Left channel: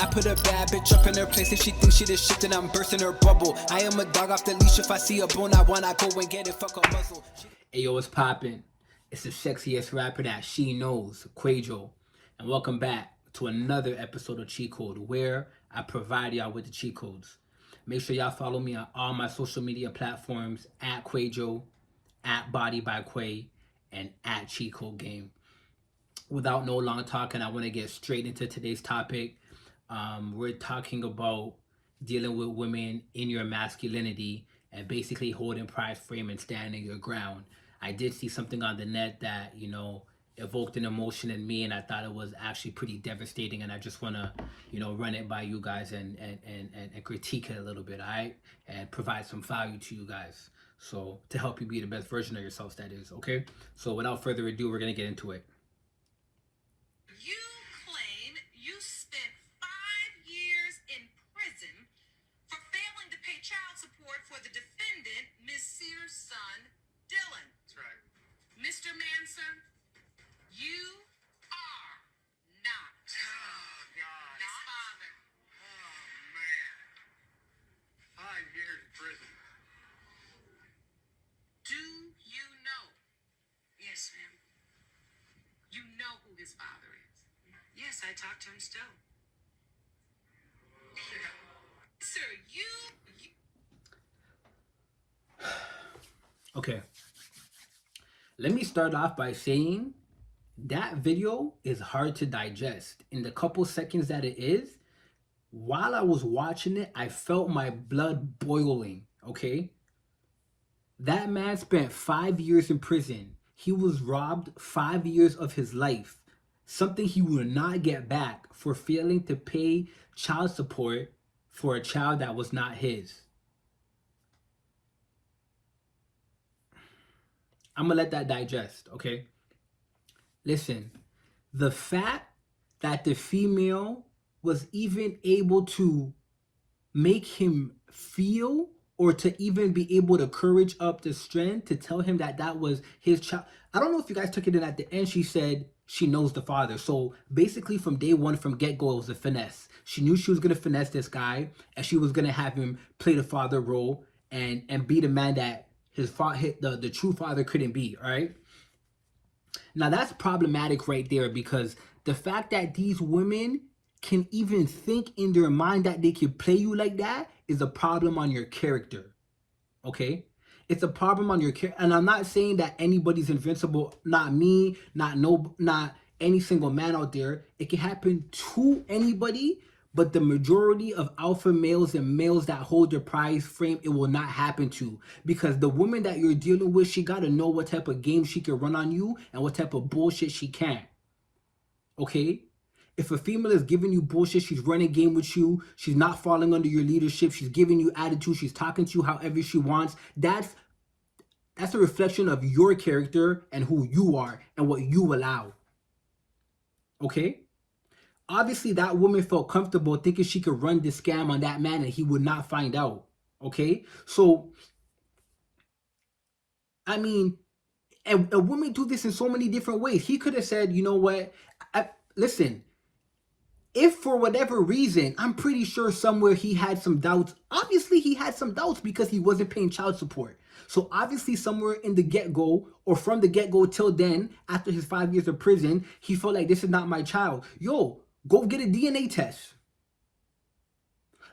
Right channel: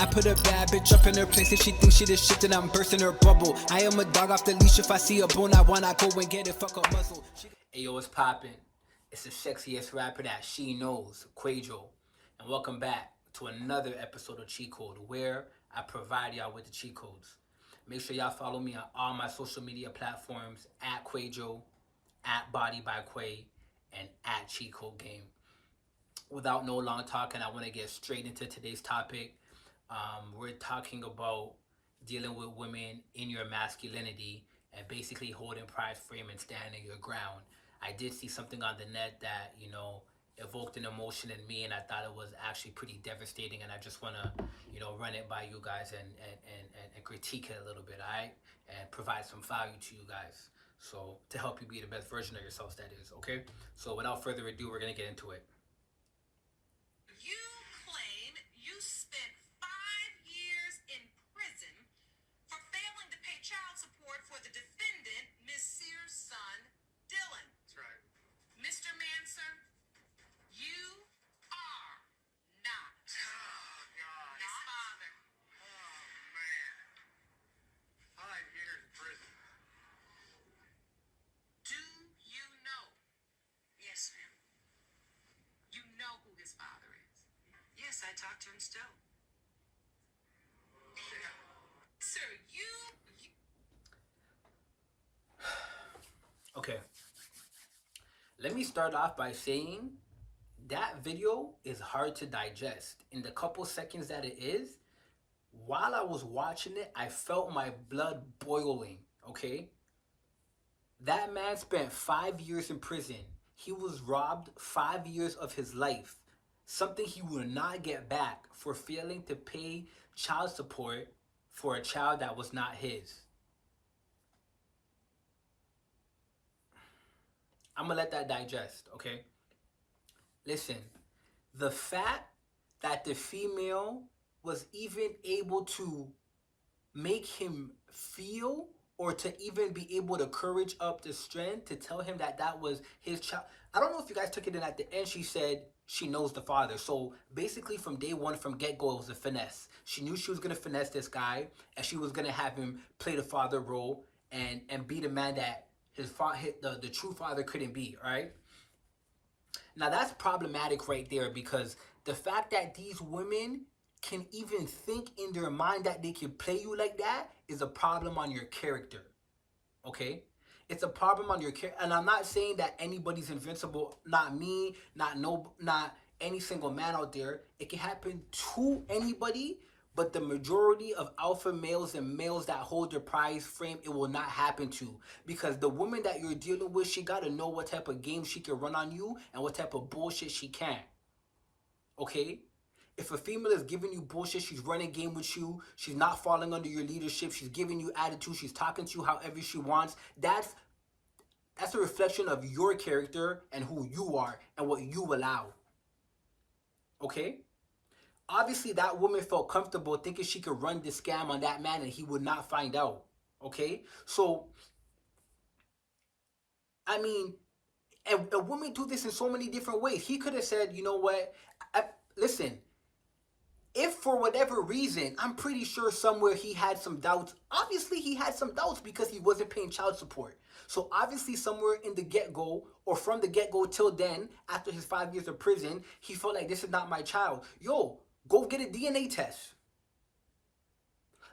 I put a bad bitch up in her place. If she thinks she the shit, then I'm bursting her bubble. I am a dog off the leash. If I see a bone, I wanna go and get it. Fuck a muzzle. Hey yo, what's poppin'? It's the sexiest rapper that she knows, Kwaejo. And welcome back to another episode of Cheat Code, where I provide y'all with the cheat codes. Make sure y'all follow me on all my social media platforms at Kwaejo, at Body by Quay, and at Cheat Code Game. Without no long talking, I want to get straight into today's topic. We're talking about dealing with women in your masculinity and basically holding pride frame and standing your ground. I did see something on the net that, evoked an emotion in me, and I thought it was actually pretty devastating, and I just want to, run it by you guys and critique it a little bit, all right? And provide some value to you guys. So, to help you be the best version of yourselves, that is, okay? So, without further ado, we're going to get into it. You claim you spent 5 years in prison for failing to pay child support for the defendant, Ms. Sears' son, Dylan. That's right. Mr. Manson, you are not Oh, God. his father. Oh, man. 5 years in prison. Do you know? Yes, ma'am. You know who his father is? Yes, I talk to him still. Yeah. Sir, you Okay. Let me start off by saying that video is hard to digest. In the couple seconds that it is, while I was watching it, I felt my blood boiling, okay? That man spent 5 years in prison. He was robbed 5 years of his life, something he will not get back for failing to pay child support for a child that was not his. I'm gonna let that digest, okay? Listen, the fact that the female was even able to make him feel or to even be able to courage up the strength to tell him that that was his child. I don't know if you guys took it in at the end. She said she knows the father. So basically from day one, from get-go, it was a finesse. She knew she was going to finesse this guy and she was going to have him play the father role and be the man that the true father couldn't be, all right? Now that's problematic right there, because the fact that these women can even think in their mind that they can play you like that is a problem on your character, okay? It's a problem on your character. And I'm not saying that anybody's invincible, not me, not any single man out there. It can happen to anybody, but the majority of alpha males and males that hold their prize frame, it will not happen to. Because the woman that you're dealing with, she got to know what type of game she can run on you and what type of bullshit she can. Okay? If a female is giving you bullshit, she's running game with you, she's not falling under your leadership, she's giving you attitude, she's talking to you however she wants, that's a reflection of your character and who you are and what you allow. Okay? Obviously, that woman felt comfortable thinking she could run this scam on that man and he would not find out. Okay? So, I mean, and women do this in so many different ways. He could have said, you know what? Listen, if for whatever reason, I'm pretty sure somewhere he had some doubts. Obviously, he had some doubts because he wasn't paying child support. So obviously, somewhere in the get-go or from the get-go till then, after his 5 years of prison, he felt like this is not my child. Yo, go get a DNA test.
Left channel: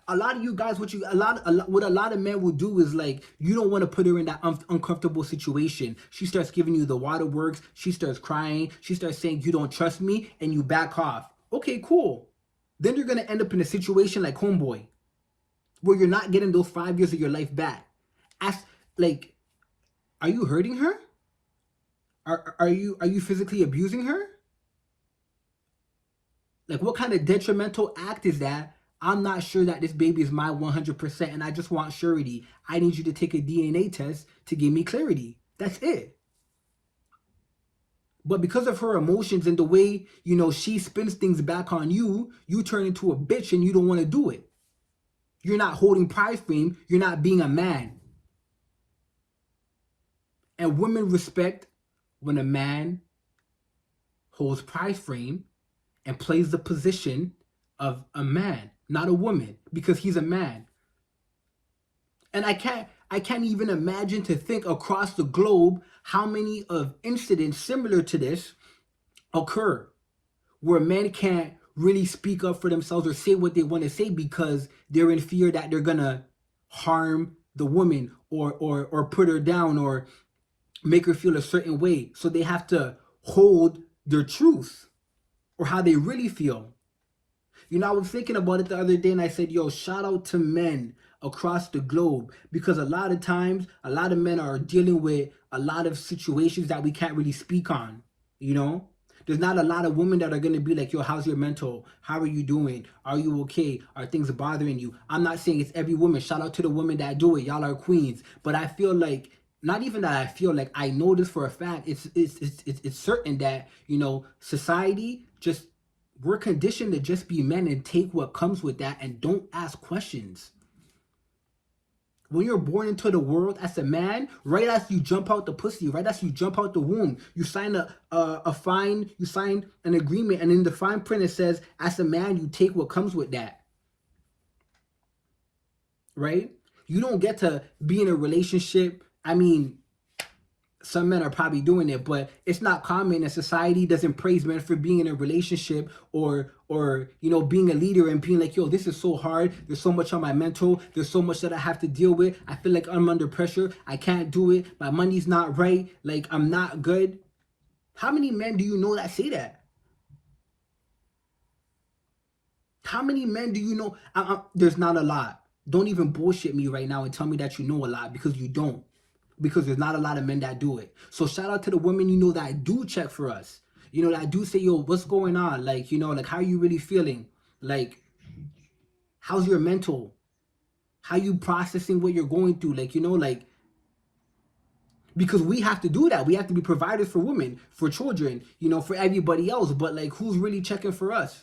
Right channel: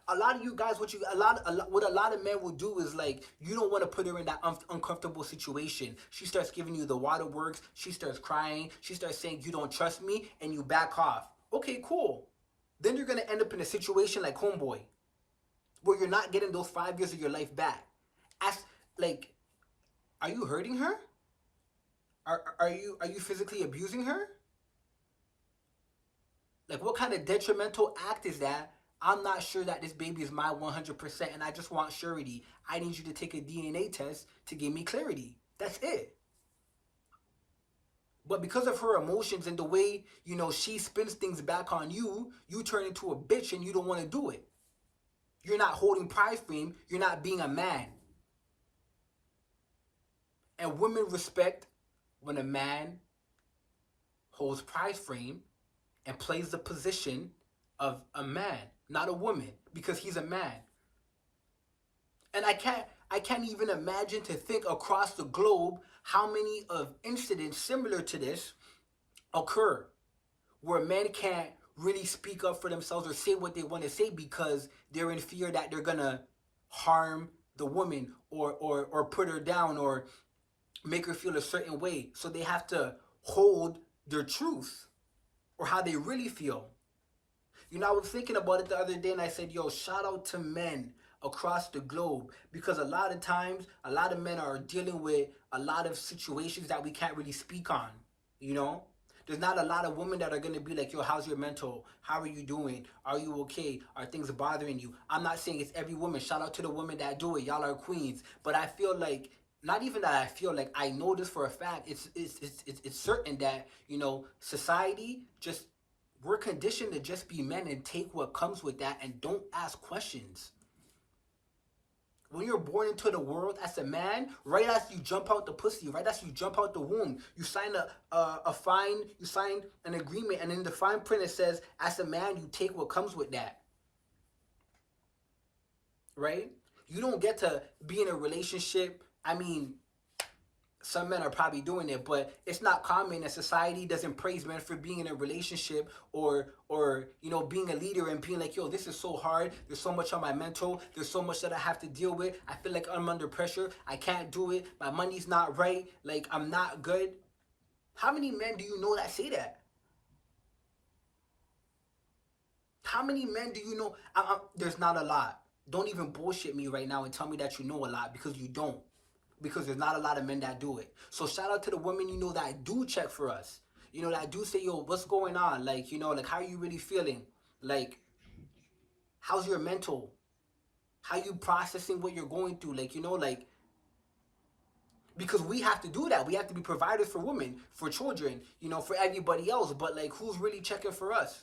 A lot of you guys, what a lot of men will do is, like, you don't want to put her in that uncomfortable situation. She starts giving you the waterworks. She starts crying. She starts saying, you don't trust me, and you back off. Okay, cool. Then you're going to end up in a situation like Homeboy, where you're not getting those 5 years of your life back. Like, are you hurting her? Are you physically abusing her? Like, what kind of detrimental act is that? I'm not sure that this baby is my 100%, and I just want surety. I need you to take a DNA test to give me clarity. That's it. But because of her emotions and the way, she spins things back on you, you turn into a bitch and you don't want to do it. You're not holding prize frame. You're not being a man. And women respect when a man holds prize frame and plays the position of a man, not a woman, because he's a man. And I can't even imagine to think across the globe how many of incidents similar to this occur where men can't really speak up for themselves or say what they want to say because they're in fear that they're gonna harm the woman or put her down or make her feel a certain way. So they have to hold their truth or how they really feel. You know, I was thinking about it the other day and I said, yo, shout out to men across the globe because a lot of times, a lot of men are dealing with a lot of situations that we can't really speak on, you know? There's not a lot of women that are going to be like, yo, how's your mental? How are you doing? Are you okay? Are things bothering you? I'm not saying it's every woman. Shout out to the women that do it. Y'all are queens. But I feel like, not even that I feel like, I know this for a fact. It's certain that, you know, society just, we're conditioned to just be men and take what comes with that and don't ask questions. When you're born into the world as a man, right as you jump out the pussy, right as you jump out the womb, you sign you sign an agreement, and in the fine print it says, as a man, you take what comes with that. Right? You don't get to be in a relationship. I mean, some men are probably doing it, but it's not common, and society doesn't praise men for being in a relationship or you know, being a leader and being like, yo, this is so hard, there's so much on my mental, there's so much that I have to deal with, I feel like I'm under pressure, I can't do it, my money's not right, like I'm not good. How many men do you know that say that? How many men do you know? There's not a lot. Don't even bullshit me right now and tell me that you know a lot, because you don't. Because there's not a lot of men that do it. So shout out to the women, you know, that do check for us. You know, that do say, yo, what's going on? Like, you know, like, how are you really feeling? Like, how's your mental? How you processing what you're going through? Like, you know, like, because we have to do that. We have to be providers for women, for children, you know, for everybody else. But like, who's really checking for us?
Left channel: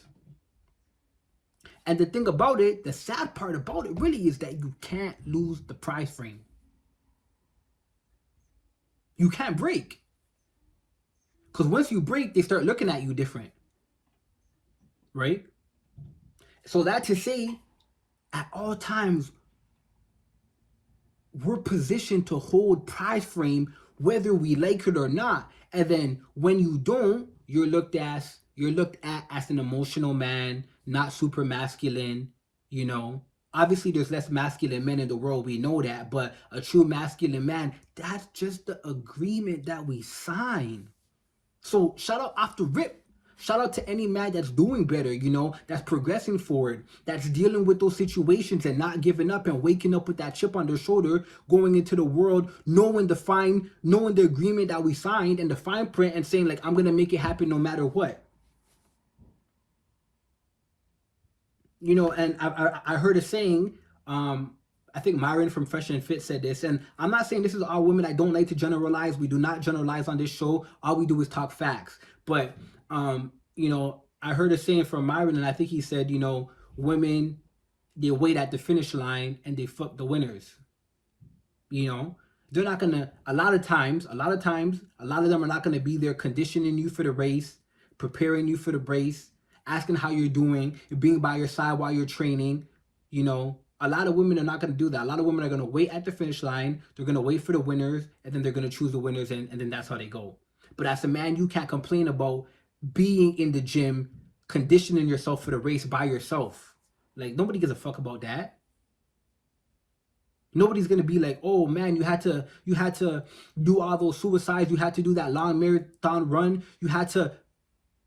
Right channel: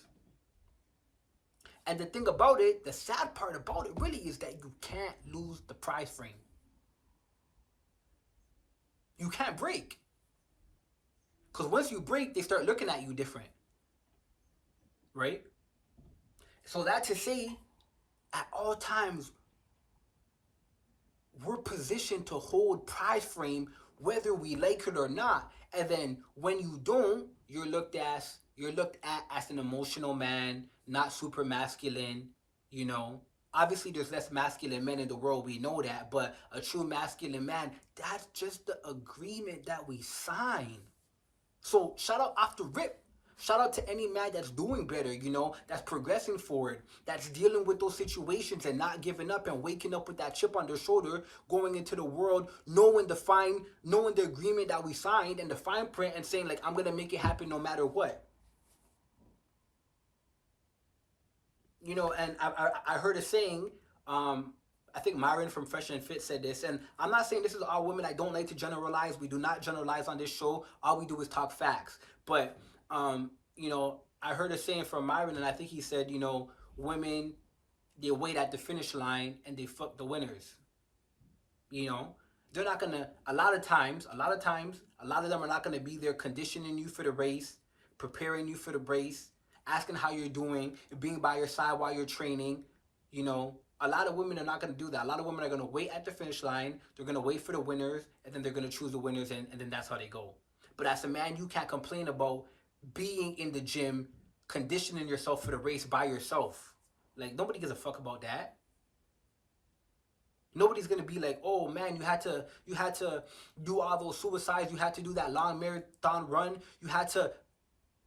And the thing about it, the sad part about it really is that you can't lose the prize frame. You can't break. Because once you break, they start looking at you different. Right? So that to say, at all times, we're positioned to hold prize frame whether we like it or not. And then when you don't, you're looked at as an emotional man, not super masculine, you know. Obviously there's less masculine men in the world, we know that, but a true masculine man, that's just the agreement that we sign. So shout out off the rip. Shout out to any man that's doing better, you know, that's progressing forward, that's dealing with those situations and not giving up and waking up with that chip on their shoulder, going into the world, knowing the agreement that we signed and the fine print and saying, like, I'm gonna make it happen no matter what. You know, and I heard a saying, I think Myron from Fresh and Fit said this, and I'm not saying this is all women. I don't like to generalize. We do not generalize on this show. All we do is talk facts. But you know, I heard a saying from Myron, and I think he said, you know, women, they wait at the finish line and they fuck the winners. You know, they're not gonna. A lot of them are not gonna be there conditioning you for the race, preparing you for the race, asking how you're doing, being by your side while you're training. You know, a lot of women are not gonna do that. A lot of women are gonna wait at the finish line. They're gonna wait for the winners, and then they're gonna choose the winners, and then that's how they go. But as a man, you can't complain about being in the gym, conditioning yourself for the race by yourself. Like, nobody gives a fuck about that. Nobody's gonna be like, oh man, you had to do all those suicides, you had to do that long marathon run, you had to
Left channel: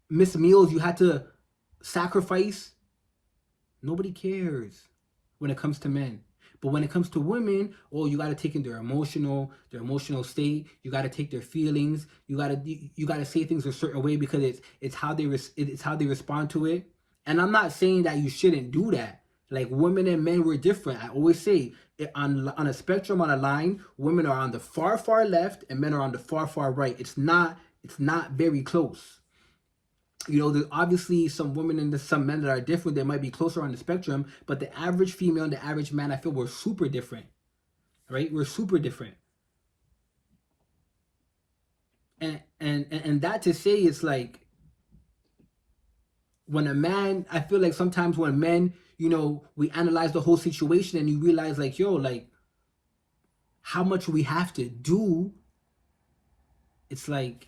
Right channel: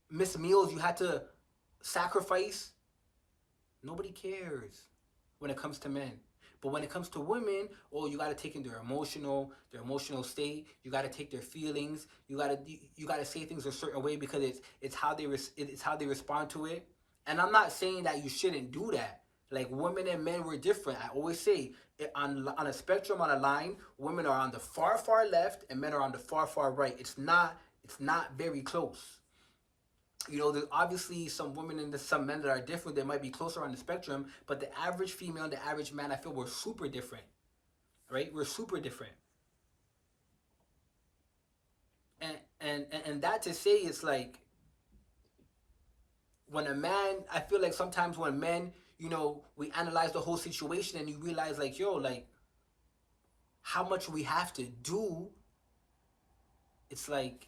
miss meals, you had to sacrifice. Nobody cares when it comes to men. But when it comes to women, oh, you gotta take in their emotional state. You gotta take their feelings. You gotta say things a certain way because it's how they respond to it. And I'm not saying that you shouldn't do that. Like, women and men were different. I always say on a spectrum, on a line, women are on the far left and men are on the far right. It's not very close. You know, there's obviously some women and some men that are different that might be closer on the spectrum, but the average female and the average man, I feel, we're super different, right? We're super different. And that to say, it's like, when a man, I feel like sometimes when men, we analyze the whole situation and you realize like, yo, like how much we have to do, it's like,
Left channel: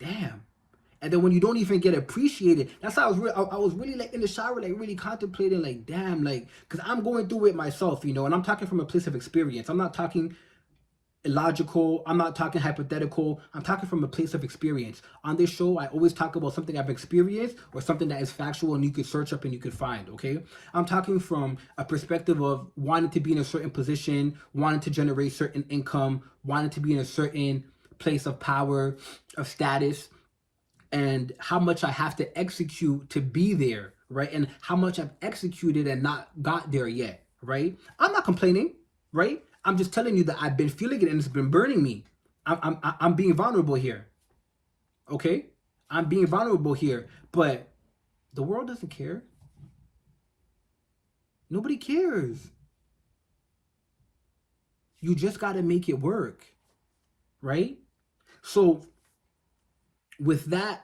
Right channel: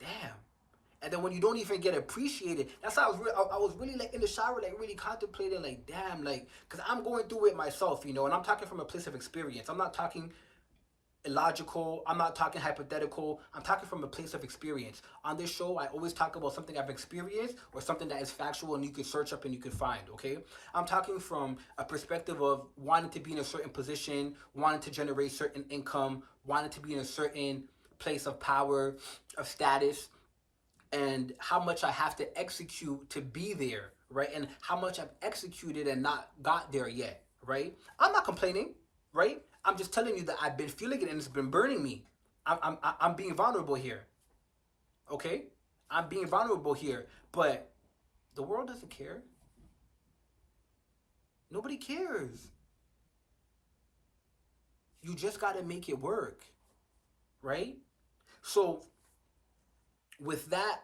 damn. And then when you don't even get appreciated, that's how I was really like in the shower, like really contemplating, like, damn, like, because I'm going through it myself, and I'm talking from a place of experience. I'm not talking illogical. I'm not talking hypothetical. I'm talking from a place of experience. On this show, I always talk about something I've experienced or something that is factual and you could search up and you could find, okay? I'm talking from a perspective of wanting to be in a certain position, wanting to generate certain income, wanting to be in a certain place of power, of status, and how much I have to execute to be there, right? And how much I've executed and not got there yet, right? I'm not complaining, right? I'm just telling you that I've been feeling it and it's been burning me. I'm being vulnerable here, okay? I'm being vulnerable here, but the world doesn't care. Nobody cares. You just got to make it work, right? So with that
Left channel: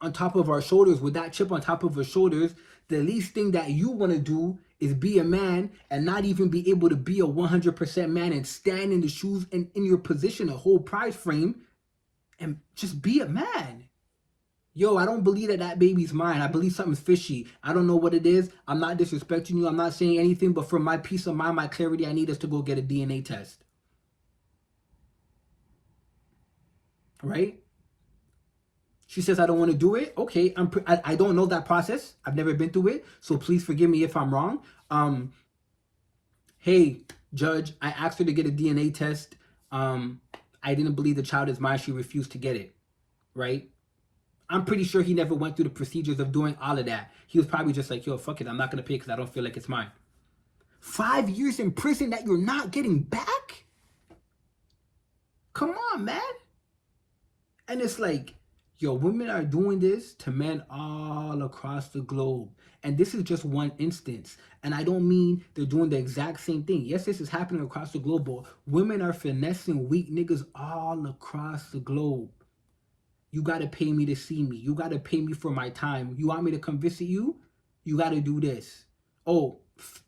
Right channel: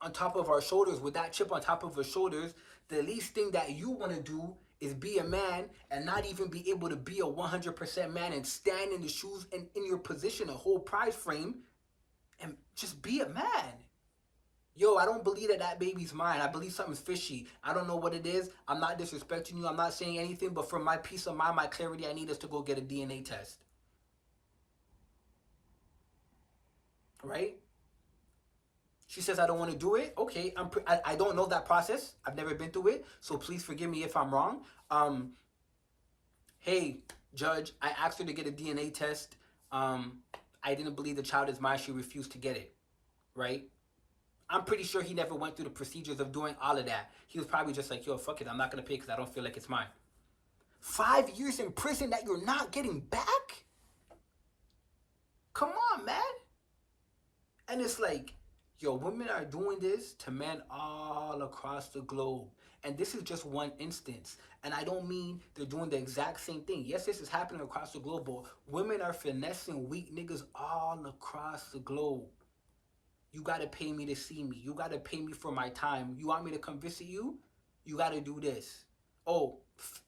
on top of our shoulders, with that chip on top of our shoulders, the least thing that you want to do is be a man and not even be able to be a 100% man and stand in the shoes and in your position, a whole prize frame, and just be a man. Yo, I don't believe that baby's mine. I believe something's fishy. I don't know what it is. I'm not disrespecting you. I'm not saying anything, but for my peace of mind, my clarity, I need us to go get a DNA test. Right? She says, I don't want to do it. Okay, I don't know that process. I've never been through it. So please forgive me if I'm wrong. Hey, judge, I asked her to get a DNA test. I didn't believe the child is mine. She refused to get it. Right? I'm pretty sure he never went through the procedures of doing all of that. He was probably just like, yo, fuck it. I'm not going to pay because I don't feel like it's mine. 5 years in prison that you're not getting back? Come on, man. And it's like, yo, women are doing this to men all across the globe. And this is just one instance. And I don't mean they're doing the exact same thing. Yes, this is happening across the globe, but women are finessing weak niggas all across the globe. You got to pay me to see me. You got to pay me for my time. You want me to come visit you? You got to do this. Oh,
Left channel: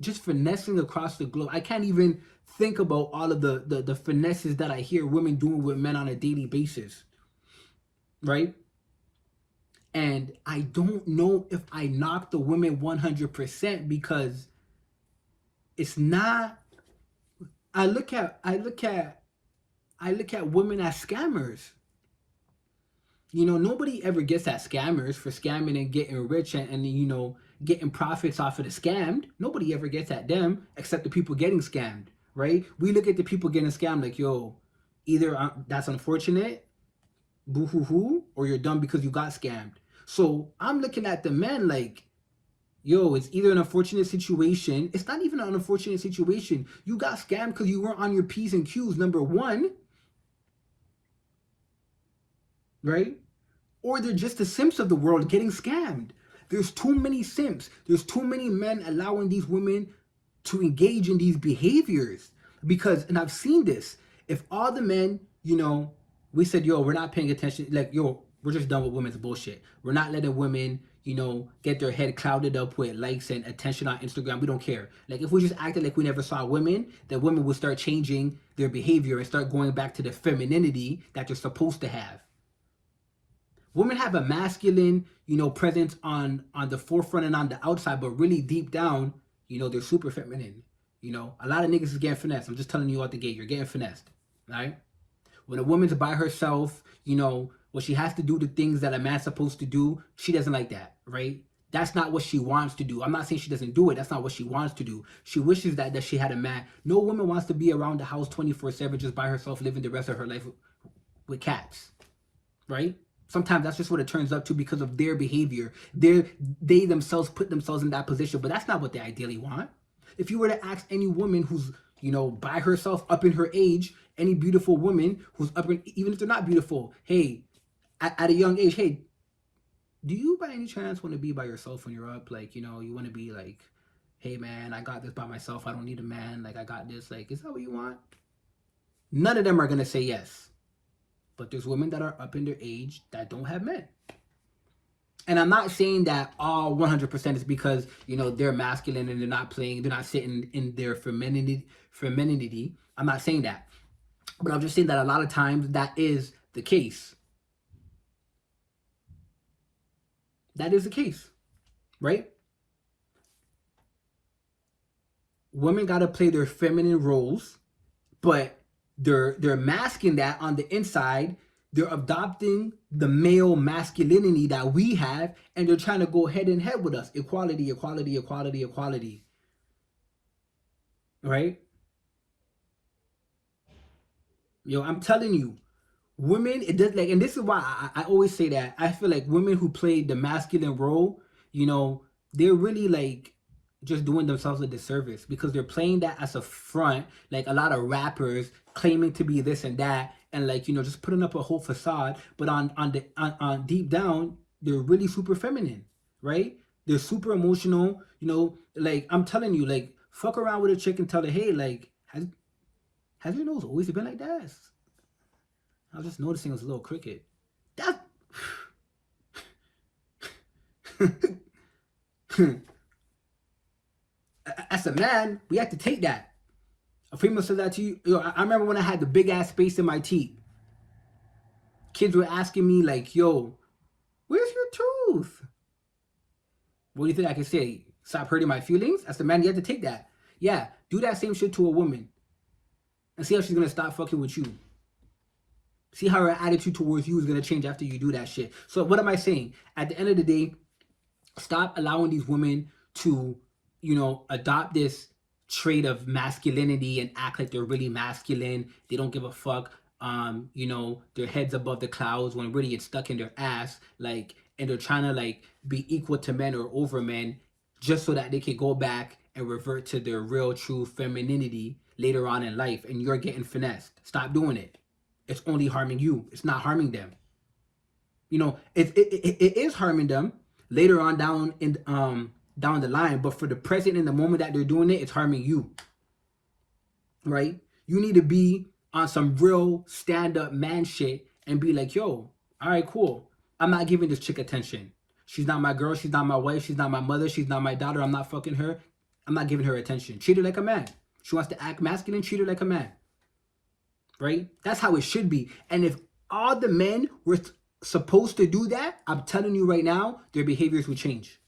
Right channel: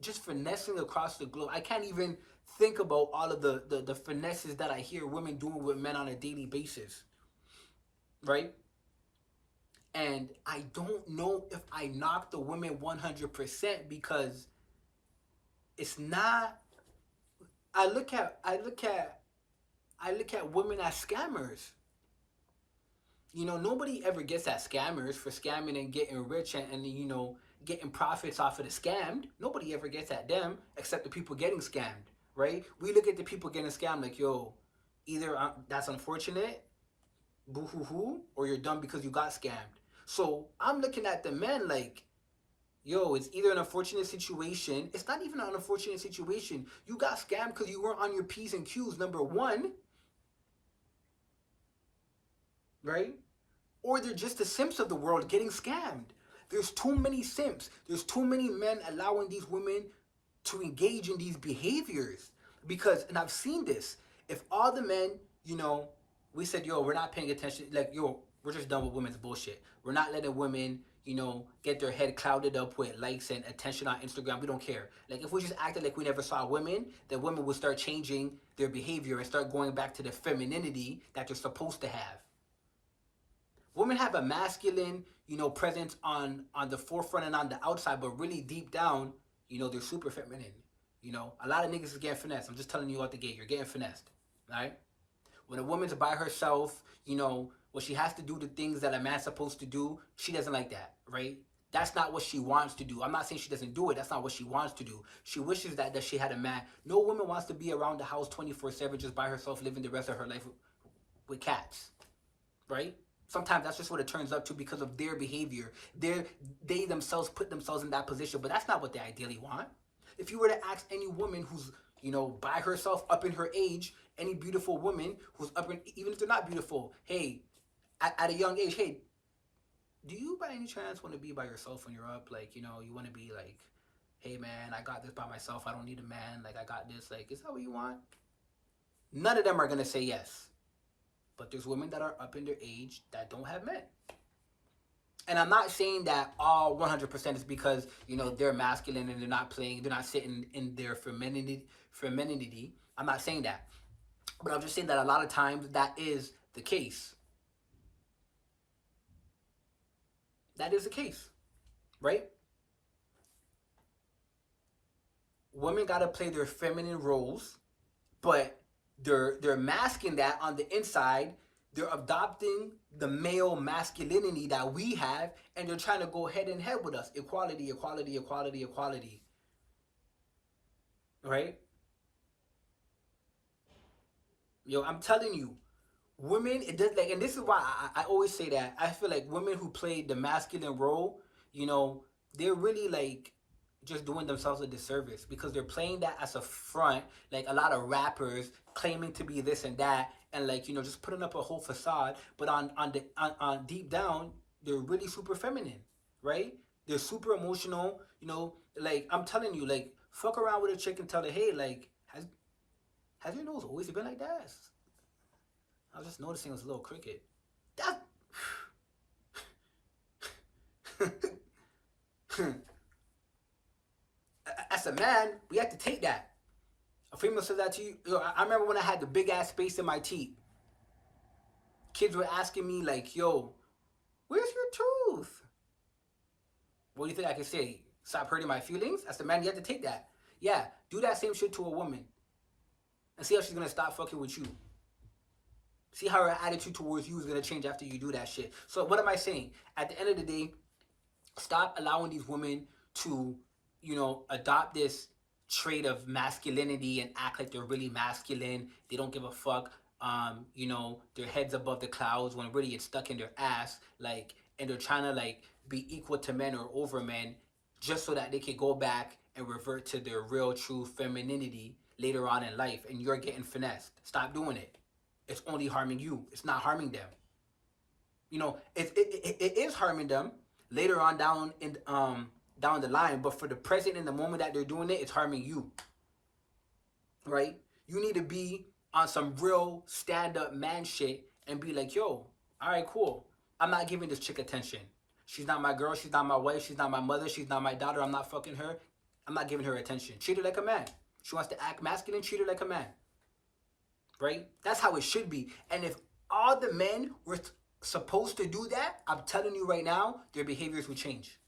just finessing across the globe. I can't even think about all of the finesses that I hear women doing with men on a daily basis. Right? And I don't know if I knock the women 100% because it's not. I look at women as scammers. Nobody ever gets at scammers for scamming and getting rich and getting profits off of the scammed. Nobody ever gets at them except the people getting scammed, right? We look at the people getting scammed like, yo, either that's unfortunate, boo-hoo-hoo, or you're dumb because you got scammed. So I'm looking at the men like, yo, it's either an unfortunate situation. It's not even an unfortunate situation. You got scammed because you weren't on your P's and Q's, number one. Right? Or they're just the simps of the world getting scammed. There's too many simps. There's too many men allowing these women to engage in these behaviors. Because, and I've seen this, if all the men, we said, yo, we're not paying attention, like, yo, we're just done with women's bullshit. We're not letting women, get their head clouded up with likes and attention on Instagram. We don't care. Like, if we just acted like we never saw women, then women would start changing their behavior and start going back to the femininity that they're supposed to have. Women have a masculine, presence on the forefront and on the outside, but really deep down, they're super feminine. A lot of niggas is getting finessed. I'm just telling you out the gate, you're getting finessed, right? When a woman's by herself, when she has to do the things that a man's supposed to do, she doesn't like that, right? That's not what she wants to do. I'm not saying she doesn't do it. That's not what she wants to do. She wishes that she had a man. No woman wants to be around the house 24/7 just by herself, living the rest of her life with cats, right? Sometimes that's just what it turns up to because of their behavior. They themselves put themselves in that position, but that's not what they ideally want. If you were to ask any woman who's, by herself up in her age, any beautiful woman who's up in, even if they're not beautiful, hey, at a young age, hey, do you by any chance want to be by yourself when you're up? Like, you want to be like, hey man, I got this by myself. I don't need a man. Like, I got this. Like, is that what you want? None of them are going to say yes. But there's women that are up in their age that don't have men. And I'm not saying that all 100% is because, they're masculine and they're not sitting in their femininity. I'm not saying that. But I'm just saying that a lot of times that is the case. That is the case, right? Women got to play their feminine roles, but they're masking that on the inside. They're adopting the male masculinity that we have, and they're trying to go head in head with us. Equality, equality, equality, equality. Right? I'm telling you, women, it does and this is why I always say that I feel like women who play the masculine role, they're really just doing themselves a disservice, because they're playing that as a front, like a lot of rappers claiming to be this and that, and just putting up a whole facade, but on deep down they're really super feminine, right? They're super emotional, I'm telling you, fuck around with a chick and tell her, hey, has your nose always been like that? I was just noticing it was a little crooked. That as a man, we have to take that. A female says that to you. I remember when I had the big ass space in my teeth. Kids were asking me yo, where's your tooth? What do you think I can say? Stop hurting my feelings? As a man, you have to take that. Yeah, do that same shit to a woman. And see how she's gonna stop fucking with you. See how her attitude towards you is gonna change after you do that shit. So what am I saying? At the end of the day, stop allowing these women to, adopt this trait of masculinity and act like they're really masculine. They don't give a fuck. Their heads above the clouds when really it's stuck in their ass. And they're trying to be equal to men or over men, just so that they can go back and revert to their real true femininity later on in life. And you're getting finessed. Stop doing it. It's only harming you. It's not harming them. It is harming them later on down the line, but for the present, in the moment that they're doing it, it's harming you. Right? You need to be on some real stand-up man shit and be like, yo, all right, cool. I'm not giving this chick attention. She's not my girl. She's not my wife. She's not my mother. She's not my daughter. I'm not fucking her. I'm not giving her attention. Treat her like a man. She wants to act masculine. Treat her like a man. Right? That's how it should be. And if all the men were supposed to do that, I'm telling you right now, their behaviors would change.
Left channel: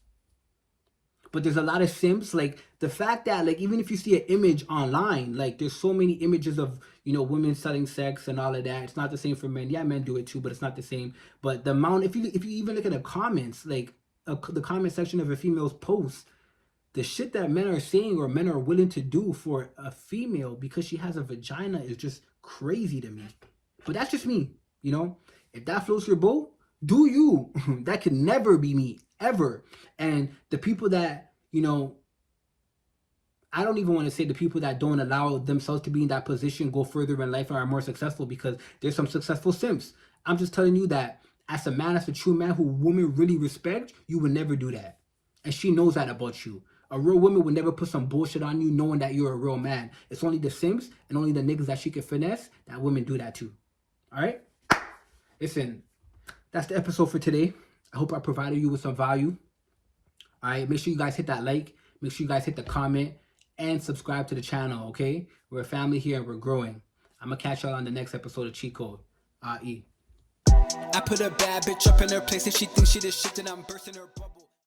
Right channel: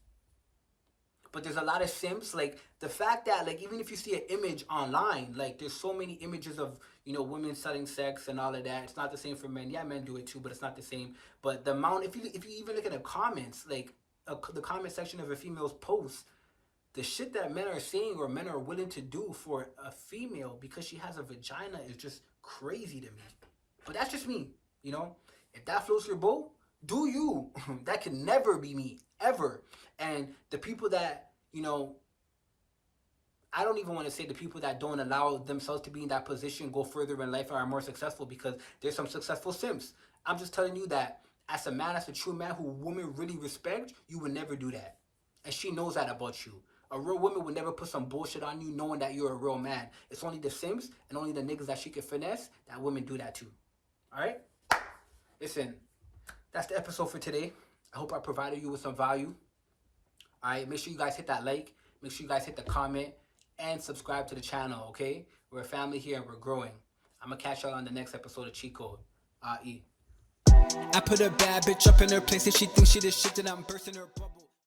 But there's a lot of simps, the fact that even if you see an image online, there's so many images of women selling sex and all of that. It's not the same for men. Yeah, men do it too, but it's not the same. But the amount, if you even look at the comments, the comment section of a female's post, the shit that men are saying or men are willing to do for a female because she has a vagina is just crazy to me. But that's just me, If that floats your boat, do you. That can never be me, ever. And the people that, I don't even want to say the people that don't allow themselves to be in that position go further in life and are more successful, because there's some successful simps. I'm just telling you that as a man, as a true man who women really respect, you would never do that. And she knows that about you. A real woman would never put some bullshit on you knowing that you're a real man. It's only the simps and only the niggas that she can finesse that women do that too. All right? Listen, that's the episode for today. I hope I provided you with some value. All right? Make sure you guys hit that like. Make sure you guys hit the comment and subscribe to the channel, okay? We're a family here and we're growing. I'm going to catch y'all on the next episode of Cheat Code. I put a bad bitch up in her place and she thinks she the shit and I'm bursting her bubble.